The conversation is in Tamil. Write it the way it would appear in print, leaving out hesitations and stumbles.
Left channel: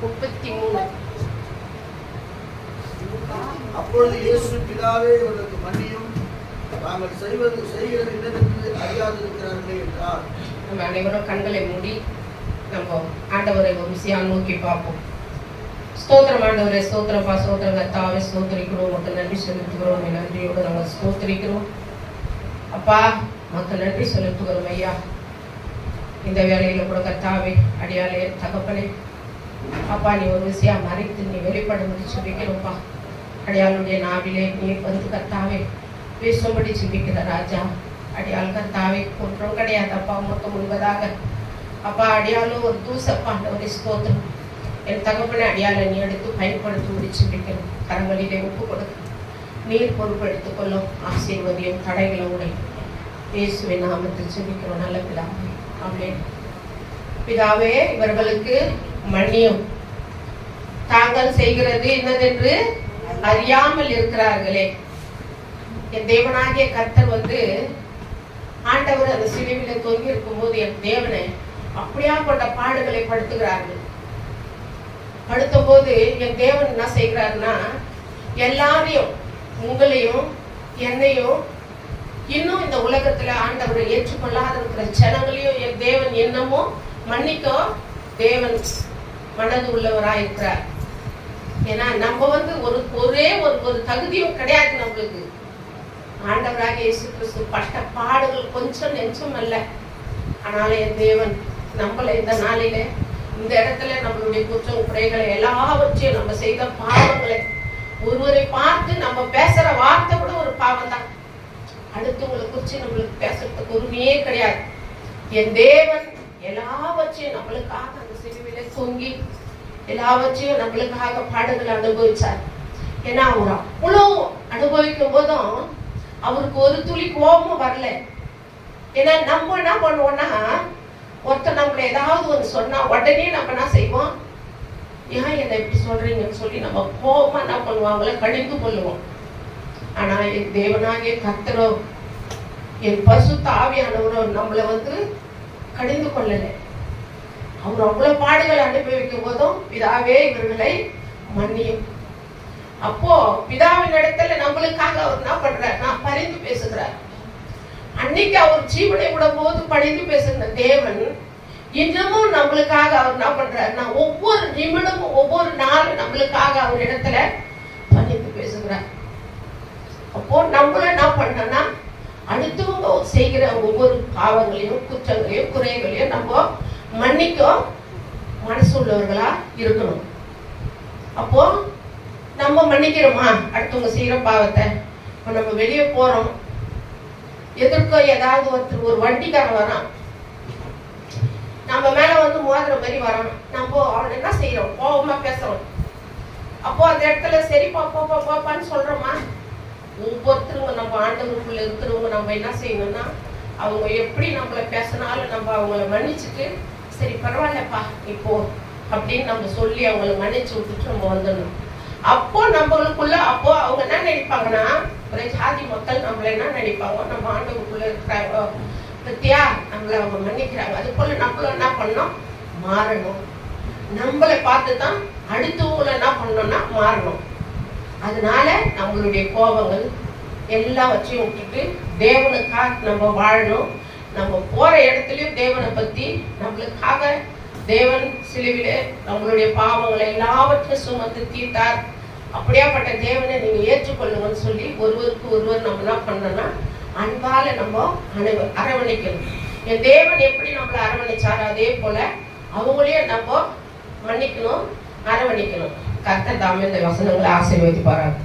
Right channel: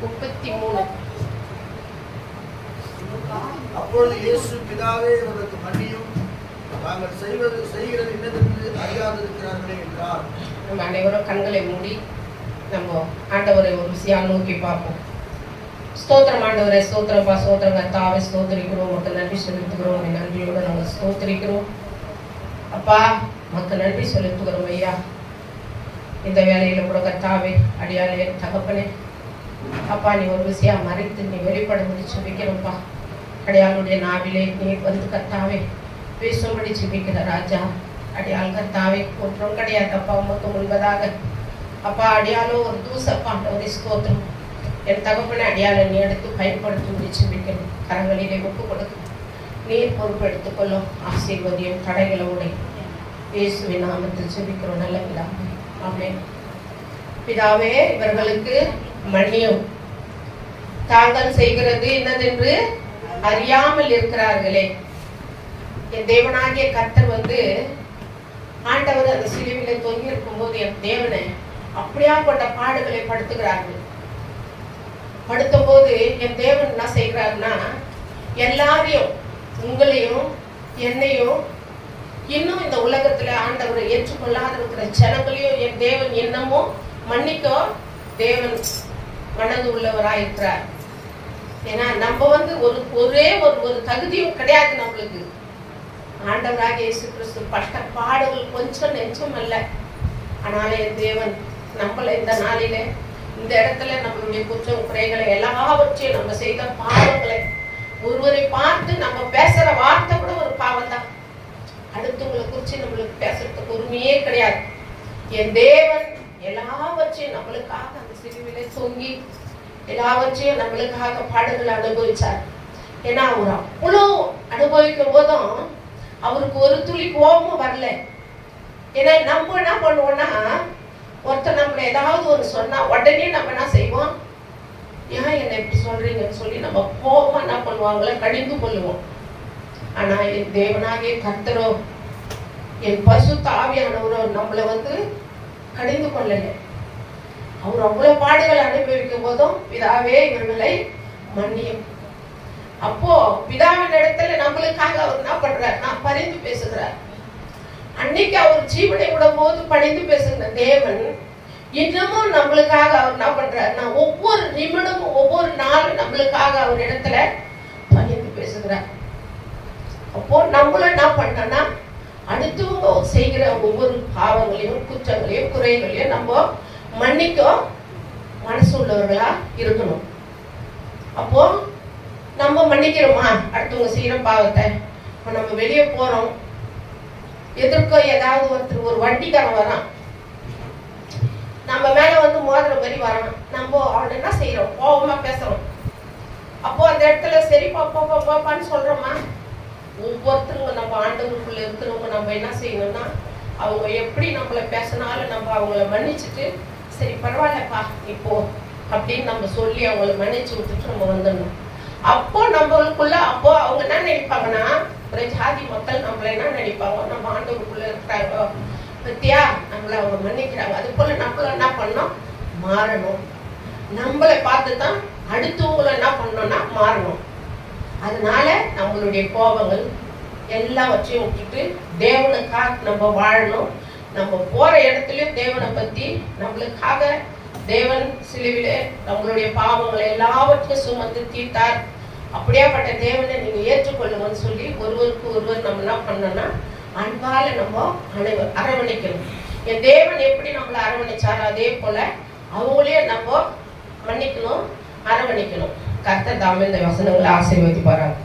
33. அப்பொழுது இயேசு, பிதாவே, இவர்களுக்கு மன்னியும், தாங்கள் செய்கிறது என்னதென்று அறியாதிருக்கிறார்களே என்றார். நம்ம அனைவரும் கண்களை மூடி நம்ம ஆண்டவரை ஒரு விஷயம் நோக்கி பார்ப்போம். ஸ்தோத்திரம் ஆண்டவரே, ஸ்தோத்திரப்பா, ஸ்தோத்திரம் கர்த்தாவே, ஸ்தோத்திரிக்கிறோம். மக்கள் நன்றி செலுத்துகிறோம். நன்றியோட நாங்கள் ஸ்தோத்திரிக்கிறோம். அப்பா, மக்கள் நன்றி செலுத்துகிறோம். ஐயா, இந்த வேலையில கூட கர்த்தாவே, அடியாளே, தகப்பனே, அப்பா, நீ ஒரு விஷயம் மறைத்து நீ வெளிப்படும்படி செபிக்கிறோம்ப்பா. அடியாளுடைய நாவிலே நீ வந்து கர்த்தாவே பேசும்படி செபிக்கிற ராஜா. அடியாள் கர்த்தாவே ஒன்றும் கிடையாது அப்பா, மொத்தம் முழுவதாக அப்பா அடியாலும் ஒரு தூசப்பா. அந்த ஸ்தோத்திரம் என் தகப்பனை அடியாளை நீ எடுத்து பயன்படுத்தும்படி செபிக்கணும். கரங்களிலே ஒப்பு கொடுக்க நீர் பொறுப்பெடுத்துக் கொள்ளும். ஆசீர்வதியும் தடைகளை உடை இயேசுவின் நாமத்தில் செபிக்கிறோம் நல்ல பிதாவே. ஆமென். பிதாவே, இவர்களுக்கு மன்னியும், தாங்கள் செய்கிறது என்னதென்று அறியாமல் இருக்கிறார்களே. என் தேவனாகிய கர்த்தர் வந்து ஆண்டவர் அந்த சிலுவையில தொங்கி இருக்கும் போது என் தேவனை அப்படியா கொண்ட பாடுகளை படுத்துகிறார்கள். படுத்தும் போது என் தேவன் என்ன செய்கிறாருன்னா, எல்லாரையும், உங்களையும் என்னையும், இன்னும் இந்த உலகத்துல ஆண்டவரை ஏற்றுக்கொள்ளாத இருக்கிற ஜனங்களையும் என் தேவன் இன்னமும் மன்னிக்க தேவன் மனது உள்ளவராயிருக்கிறார். ஏன்னா நம்ம வந்து ஒரே ஒரு தகுதியும் கிடையாது நம்மளுக்கு. ஆண்டவராக இயேசு கிறிஸ்து பட்ட பாடுகள் கொஞ்சம் நெஞ்சம் அல்ல. ஆனால என் தேவன் நம்மள இந்த நாளிலே இந்த இடத்துல நம்மளுடைய குற்றம் குறைகளை எல்லாவற்றையும் நம்ம செய்த பாவங்களை ஒருவரை பார்த்து நம்ம பேசுற வார்த்தை கூட ஒரு பாவம் தான். அடுத்தவங்களை குறிச்சு நம்மளுக்கு பேசுறதுக்கு உரிமையே கிடையாது. என் தேவன் எல்லாவற்றையும் நம்மளுக்காக அந்த சிலுவையில தொங்கி எல்லாவற்றையும் நம்மளுக்காக பாடுகளை அனுபவிச்சார். ஏன்னா அவர் அவ்வளவு அனுபவிக்கும் போதும் அவருக்கு ஒரு துளி கோபமும் வரல. ஏன்னா நம்ம என்ன பண்ணுவோம்னா, ஒருத்தர் நம்மள ஏதாவது ஒரு சொன்னா உடனே நம்ம என்ன செய்வோம், ஏன் என்ன இப்படி சொல்றீங்கன்னு சொல்லி நம்ம கோபமா என்ன பண்ணுவாங்கள கடிந்து கொள்ளுவோம். ஆனா என் தேவனாகிய கர்த்தரோ, என் பரிசுத்த ஆவியானவரோ நம்மள வந்து கடிந்து கொள்ளல. அவர் அவ்வளவு பாடுகள் அனுபவிக்கும் போதும், பிதாவே, இவர்களை மன்னியும். அப்போ பிதாவின் இடத்துல நம்மளுக்காக அவர் என்ன பண்றார், நான் பரிந்து பேசுகிறார். அன்னைக்கு அவர் ஜீவனை விடும் போது பணிந்து பேசுகிற தேவன் இன்னமும் நம்மளுக்காக அவர் என்ன பண்றார், நான் ஒவ்வொரு நிமிடமும் ஒவ்வொரு நாளும் நம்மளுக்காக அவர் இடத்துல பணிந்து பேசுகிறார். அப்போ நம்மளும் என்ன பண்ணோம்னா, அடுத்தவங்க செய்கிற ஒவ்வொரு பாவங்களையும் குற்றங்களையும் குறைகளையும் நம்ம மன்னிக்க மனசு உள்ளவர்களா இருக்கணும். அப்போ நம்ம மன்னிக்கிறோமா அடுத்தவங்க செய்யற பாவத்தை? நம்ம வெளியே போறோம், எதிர்க்க ஏதாவது ஒருத்தர் ஒரு வண்டிக்காரன் வரான், நம்ம மேல வந்து மோதிர மாதிரி வரான், நம்ம அவன் என்ன செய்யறோம், கோபமா பேசுறோம். அப்போ அந்த இடத்துல சரிப்பா போப்பான்னு சொல்றோமா? ஒவ்வொருத்தருங்க நம்ம ஆண்டவருக்குள்ள இருக்கிறவங்க நம்ம என்ன செய்யணும்னா, அவங்க எப்படி நம்மள பேசினாலும் நம்ம அவங்கள மன்னிச்சுட்டு, சரி பரவாயில்லப்பா இப்போ அப்படின்னு நம்ம சொல்லி அவங்கள மன்னிச்சு விட்டுட்டு நம்ம வந்துடணும். அப்போ நம்மளுக்குள்ள அப்போ அவங்க என்ன நினைப்பாங்கன்னா, ஒரு ஜாதி மக்கள் நம்மள என்ன நினைப்பாங்க, நம்ம ஆண்டவருக்குள்ள இருக்கிறாங்க பத்தியா, நம்மள அவங்க மன்னிக்கிறாங்க. அது போல நம்மளும் என்ன பண்ணோம், மாறணும். நம்மளை பார்த்துதான் அடுத்தவங்களை என்ன பண்ணோம்னா மாறணும். அதனால நம்மளுடைய கோபங்கள் எல்லாவற்றையும் விட்டுட்டு தேவனுக்காக நம்ம வாழணும். நம்ம போற இடத்துலயும் தேவனை பத்தி நம்மளுக்காக தேவன் சிலுவிலே நம்மளுடைய பாவங்களை எல்லாவற்றையும் சுமந்து தீர்த்தார். அப்படியாப்பட்ட தேவனை நீங்க ஏற்றுக்கொள்ளுங்கன்னு சொல்லி ஒருவருக்கு ஒருவர் நம்ம என்ன பண்ணோம்னா அன்பால நம்ம அரவணைக்கணும். என் தேவன் எப்படி நம்மளை அரவணைச்சாரு அதே போல அவங்களையே நம்ம மன்னிக்கணும், அரவணைக்கணும். கர்த்தர் தாமே இந்த வசனங்களை ஆசீர்வதிப்பாராங்க.